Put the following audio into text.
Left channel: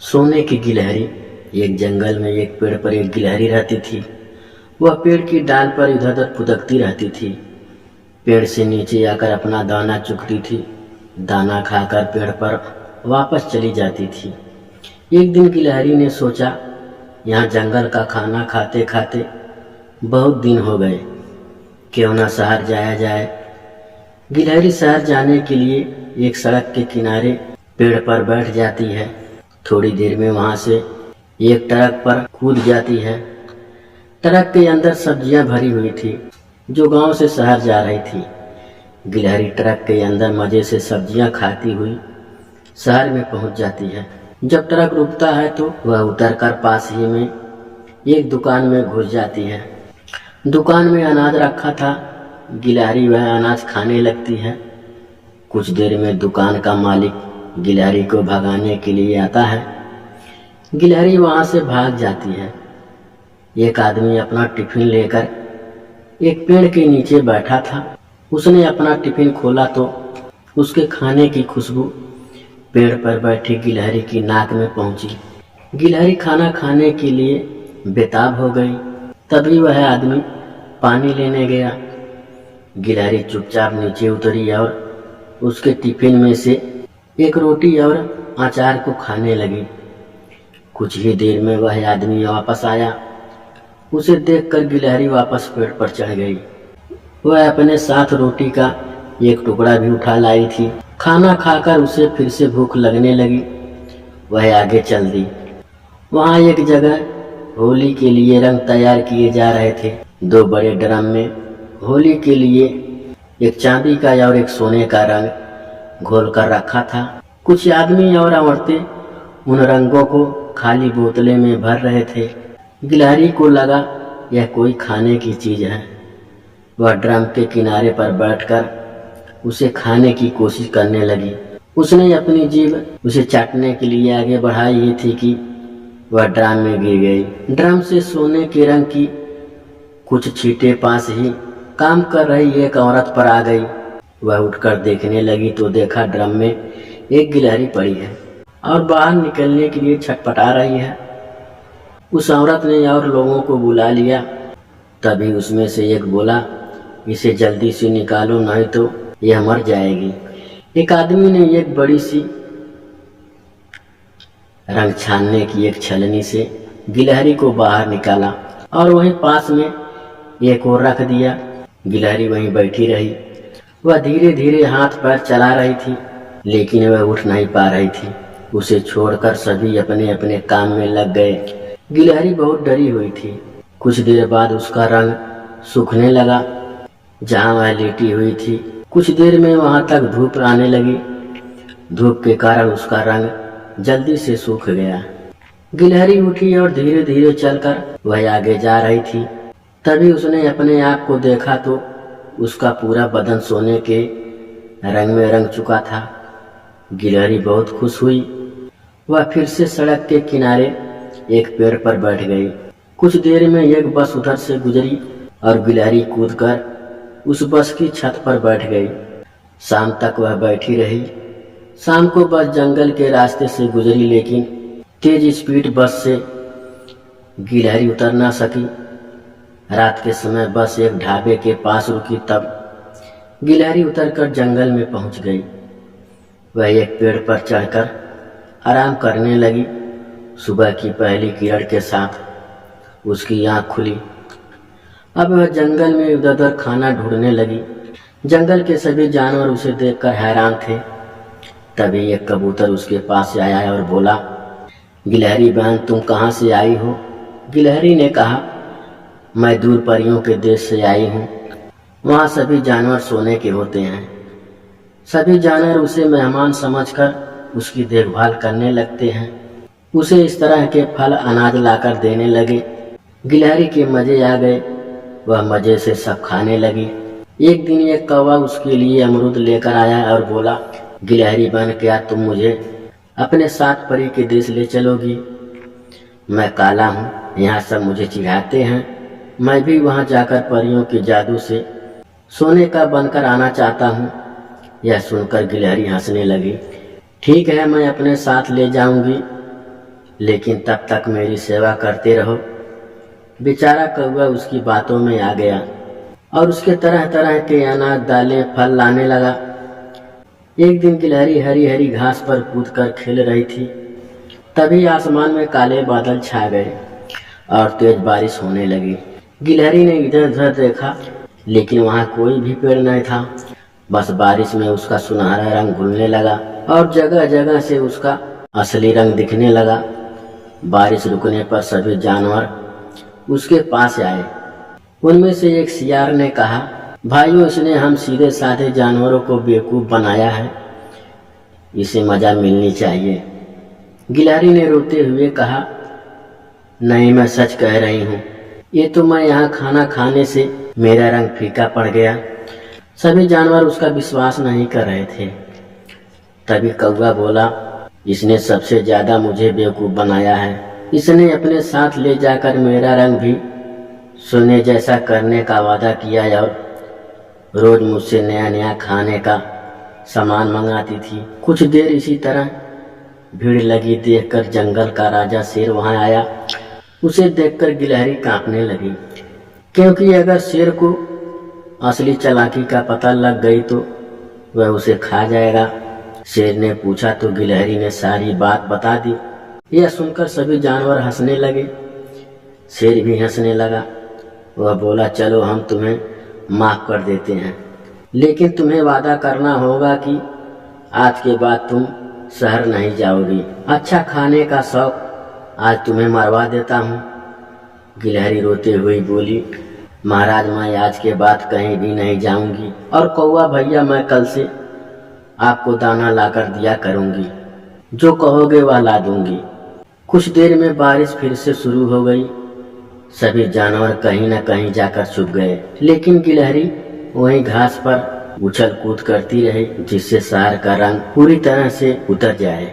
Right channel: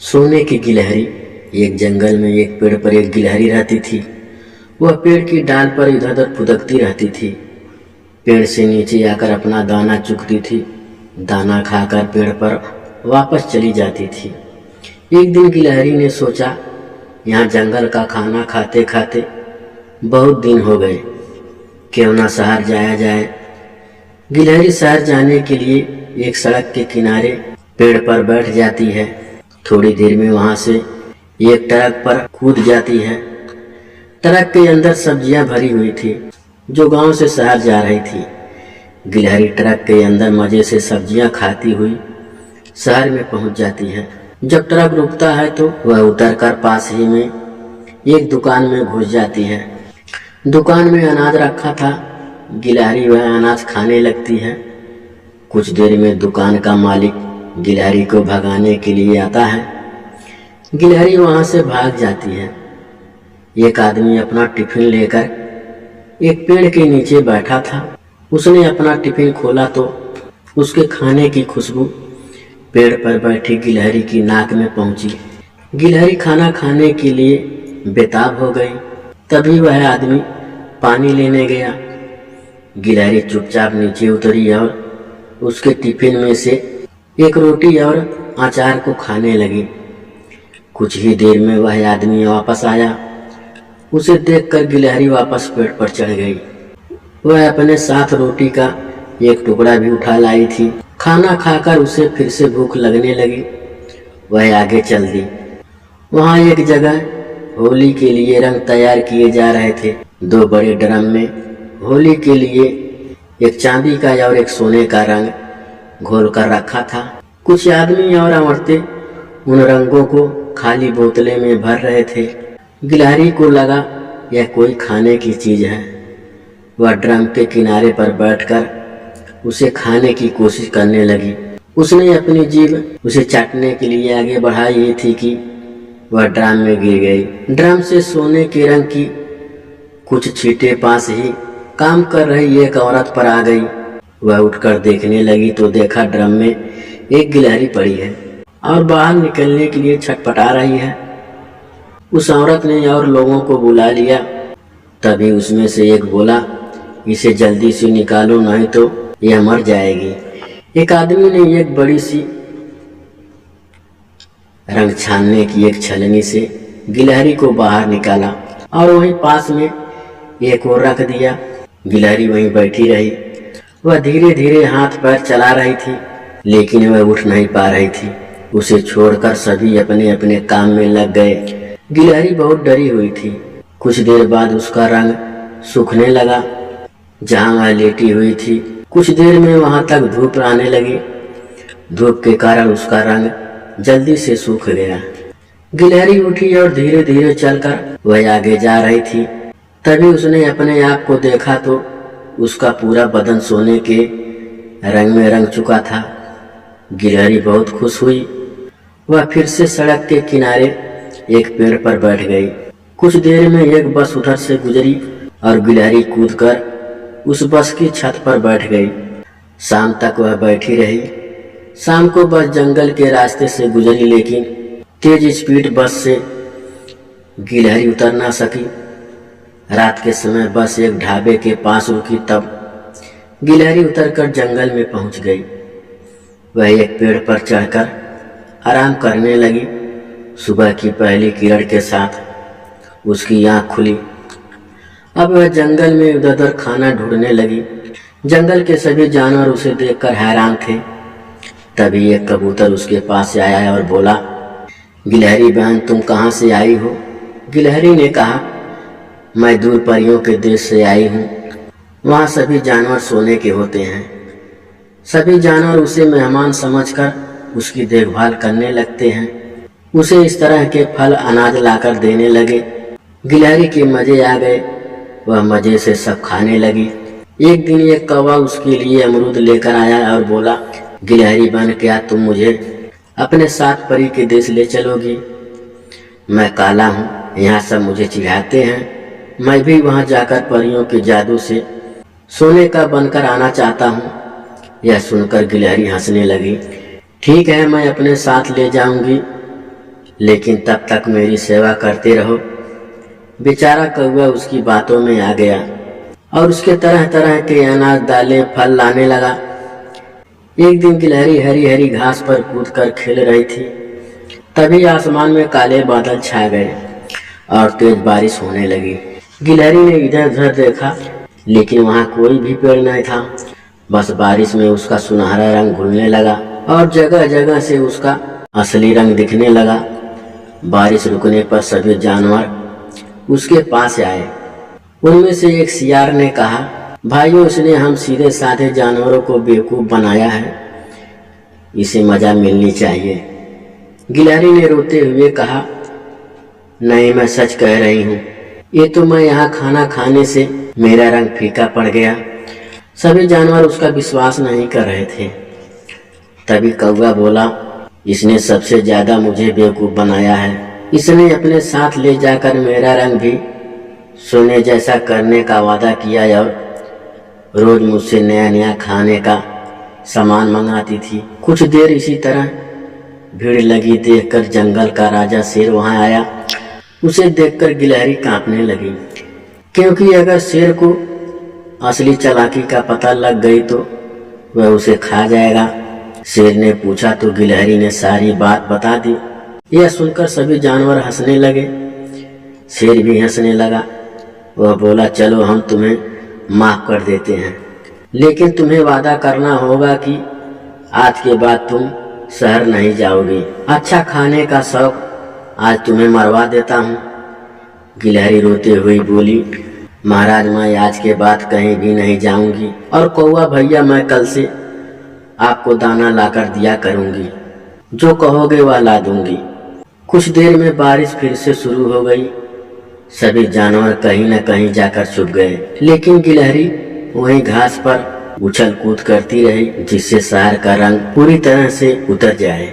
सोने की गिलहरी। एक जंगल में एक पेड़ पर एक गिलहरी रहती थी। वह पेड़ की डाल पर इधर उधर फुदकती रहती थी। पेड़ से नीचे आकर अपना दाना चुगती थी। दाना खाकर पेड़ पर वापस चली जाती थी। एक दिन गिलहरी ने सोचा, यहाँ जंगल का खाना खाते खाते बहुत दिन हो गए, क्यों ना शहर जाया जाए। गिलहरी शहर जाने के लिए एक सड़क के किनारे पेड़ पर बैठ जाती है। थोड़ी देर में वहां से एक ट्रक पर कूद जाती है। ट्रक के अंदर सब्जियां भरी हुई थी जो गांव से शहर जा रही थी। गिलहरी ट्रक के अंदर मजे से सब्जियां खाती हुई शहर में पहुंच जाती है। जब ट्रक रुकता है तो वह उतरकर पास ही में एक दुकान में घुस जाती है। दुकान में अनाज रखा था। गिलहरी वह अनाज खाने लगती है। कुछ देर में दुकान का मालिक गिलहरी को भगाने के लिए आता है। गिलहरी वहां से भाग जाती है। एक आदमी अपना टिफिन लेकर एक पेड़ के नीचे बैठा था। उसने अपना टिफिन खोला तो उसके खाने की खुशबू पेड़ पर बैठी गिलहरी की नाक में पहुंची। गिलहरी खाना खाने के लिए बेताब हो गई। तभी वह आदमी पानी लेने गया। गिलहरी चुपचाप नीचे उतरी और उसके टिफिन में से एक रोटी और अचार को खाने लगी। कुछ ही देर में वह आदमी वापस आया। उसे देखकर गिलहरी वापस पेड़ पर चढ़ गई। वह अपने साथ रोटी का एक टुकड़ा भी उठा लाई थी। खाना खाकर उसे फिर से भूख लगने लगी। वह आगे चल दी। वहां एक जगह होली के लिए रंग तैयार किए जा रहे थे। दो बड़े ड्रम में होली के लिए एक चांदी का और एक सोने का रंग घोल कर रखा था। कुछ आदमी और औरतें उन रंगों को खाली बोतलें में भर रहे थे। गिलहरी को लगा यह कोई खाने की चीज है। वह ड्रम के किनारे पर बैठकर उसे खाने की कोशिश करने लगी। उसने अपनी जीभ उसे चाटने के लिए आगे बढ़ाई ही थी कि वह ड्रम में गिर गई। ड्रम से सोने के रंग की कुछ छींटे पास ही काम कर रही एक औरत पर आ गई। वह उठकर देखने लगी तो देखा ड्रम में एक गिलहरी पड़ी है और बाहर निकलने के लिए छटपटा रही है। उस औरत ने और लोगों को बुला लिया। तभी उसमें से एक बोला, इसे जल्दी से निकालो नहीं तो यह मर जाएगी। एक आदमी ने एक बड़ी सी रंग छानने की एक छलनी से गिलहरी को बाहर निकाला और वहीं पास में एक और रख दिया। गिलहरी वहीं बैठी रही। वह धीरे धीरे हाथ पैर चला रही थी लेकिन वह उठ नहीं पा रही थी। उसे छोड़कर सभी अपने अपने काम में लग गए। गिलहरी बहुत डरी हुई थी। कुछ देर बाद उसका रंग सूखने लगा जहां वह लेटी हुई थी। कुछ देर में वहां तक धूप आने लगी। धूप के कारण उसका रंग जल्दी से सूख गया। गिलहरी उठी और धीरे धीरे चलकर वह आगे जा रही थी। तभी उसने अपने आप को देखा तो उसका पूरा बदन सोने के रंग में रंग चुका था। गिलहरी बहुत खुश हुई। वह फिर से सड़क के किनारे एक पेड़ पर बैठ गई। कुछ देर में एक बस उधर से गुजरी और गिलहरी कूदकर उस बस की छत पर बैठ गई। शाम तक वह बैठी रही। शाम को बस जंगल के रास्ते से गुजरी लेकिन तेज स्पीड बस से गिलहरी उतर ना सकी। रात के समय बस एक ढाबे के पास रुकी। तब गिलहरी उतरकर जंगल में पहुंच गई। वह एक पेड़ पर चढ़कर आराम करने लगी। सुबह की पहली किरण के साथ उसकी आंख खुली। अब वह जंगल में उधर उधर खाना ढूंढने लगी। जंगल के सभी जानवर उसे देखकर हैरान थे। तभी एक कबूतर उसके पास आया और बोला, गिलहरी बहन तुम कहाँ से आई हो? गिलहरी ने कहा, मैं दूर परियों के देश से आई हूँ। वहाँ सभी जानवर सोने के होते हैं। सभी जानवर उसे मेहमान समझकर उसकी देखभाल करने लगते हैं। उसे इस तरह के फल अनाज लाकर देने लगे। गिलहरी के मजे आ गए। वह मजे से सब खाने लगी। एक दिन एक कौवा उसके लिए अमरूद लेकर आया और बोला, गिलहरी बन क्या तुम मुझे अपने साथ परी के देश ले चलोगी? मैं काला हूँ, यहाँ सब मुझे चिढ़ाते हैं। मैं भी वहाँ जाकर परियों के जादू से सोने का बनकर आना चाहता हूँ। यह सुनकर गिलहरी हंसने लगी। ठीक है, मैं अपने साथ ले जाऊंगी। लेकिन तब तक मेरी सेवा करते रहो। बेचारा कौवा उसकी बातों में आ गया और उसके तरह तरह के अनाज दालें फल लाने लगा। एक दिन गिलहरी हरी हरी घास पर कूद कर खेल रही थी। तभी आसमान में काले बादल छा गए और तेज बारिश होने लगी। गिलहरी ने इधर उधर देखा, लेकिन वहाँ कोई भी पेड़ नहीं था। बस बारिश में उसका सुनहरा रंग घुलने लगा और जगह जगह से उसका असली रंग दिखने लगा। बारिश रुकने पर सभी जानवर उसके पास आए। उनमें से एक सियार ने कहा, भाइयों, इसने हम सीधे साधे जानवरों को बेवकूफ़ बनाया है, इसे मजा मिलनी चाहिए। गिलहरी ने रोते हुए कहा, नहीं, मैं सच कह रही हूँ, ये तो मैं यहाँ खाना खाने से मेरा रंग फीका पड़ गया। सभी जानवर उसका विश्वास नहीं कर रहे थे। तभी कौवा बोला, इसने सबसे ज़्यादा मुझे बेवकूफ़ बनाया है। इसने अपने साथ ले जाकर मेरा रंग भी सोने जैसा करने का वादा किया और रोज मुझसे नया नया खाने का सामान मंगाती थी। कुछ देर इसी तरह भीड़ लगी देखकर जंगल का राजा शेर वहां आया। उसे देखकर गिलहरी कांपने लगी, क्योंकि अगर शेर को असली चालाकी का पता लग गई तो वह उसे खा जाएगा। शेर ने पूछा तो गिलहरी ने सारी बात बता दी। यह सुनकर सभी जानवर हंसने लगे। शेर भी हंसने लगा। वह बोला, चलो हम तुम्हें माफ कर देते हैं, लेकिन तुम्हें वादा करना होगा कि आज के बाद तुम शहर नहीं जाओगी। अच्छा खाने का शौक आज तुम्हें मरवा देता हूँ। गिलहरी रोते हुए बोली, महाराज, मैं आज के बाद कहीं भी नहीं जाऊंगी और कौवा भैया, मैं कल से आपको दाना लाकर दिया करूंगी। जो कहोगे वह ला दूंगी। कुछ देर में बारिश फिर से शुरू हो गई। सभी जानवर कहीं न कहीं जाकर छुप गए, लेकिन गिलहरी वहीं घास पर उछल कूद करती रही, जिससे शहर का रंग पूरी तरह से उतर जाए।